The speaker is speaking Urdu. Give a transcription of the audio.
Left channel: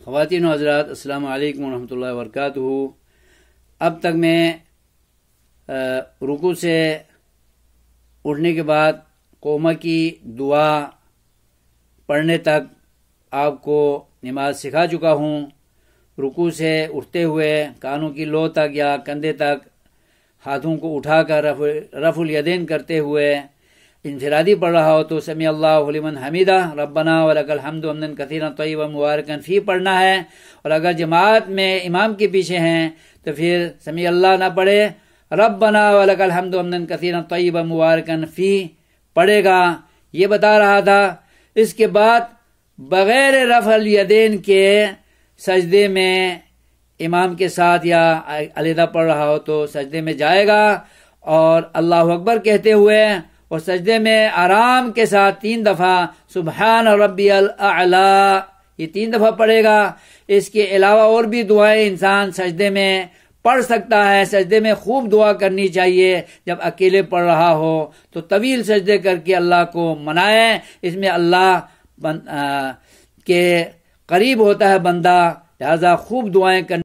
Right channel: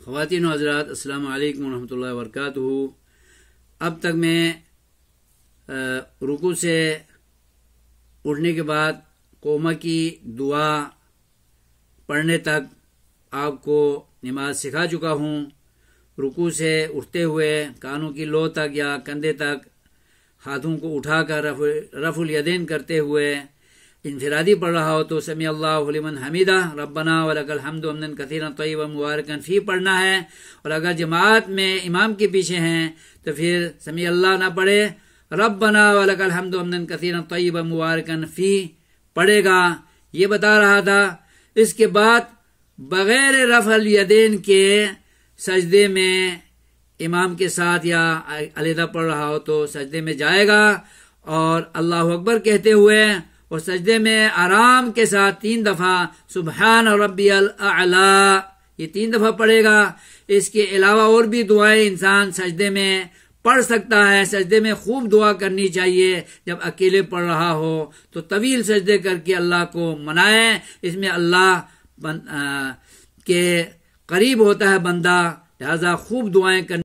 خواتین و حضرات، السلام علیکم ورحمۃ اللہ وبرکاتہ۔ اب تک میں رکوع سے اٹھنے کے بعد قوما کی دعا پڑھنے تک آپ کو نماز سکھا چکا ہوں۔ رکوع سے اٹھتے ہوئے کانوں کی لو تک یا کندھے تک ہاتھوں کو اٹھا کر رفع الیدین کرتے ہوئے انفرادی پڑھ رہا ہو تو سمیع اللہ لمن حمیدہ ربنا ولک الحمد حمدا کثیرا طیبا مبارکا فی پڑھنا ہے، اور اگر جماعت میں امام کے پیچھے ہیں تو پھر سمیع اللہ نہ پڑھے، ربنا ولک الحمد حمدا کثیرا طیبا مبارکا فی پڑھے گا۔ یہ بتا رہا تھا۔ اس کے بعد بغیر رفع الیدین کے سجدے میں امام کے ساتھ یا علیحدہ پڑھ رہا ہو تو سجدے میں جائے گا، اور اللہ اکبر کہتے ہوئے اور سجدے میں آرام کے ساتھ 3 دفعہ سبحان ربی الاعلی یہ 3 دفعہ پڑھے گا۔ اس کے علاوہ اور بھی دعائیں انسان سجدے میں پڑھ سکتا ہے۔ سجدے میں خوب دعا کرنی چاہیے۔ جب اکیلے پڑھ رہا ہو تو طویل سجدے کر کے اللہ کو منائے، اس میں اللہ کے قریب ہوتا ہے بندہ، لہذا خوب دعائیں کرنی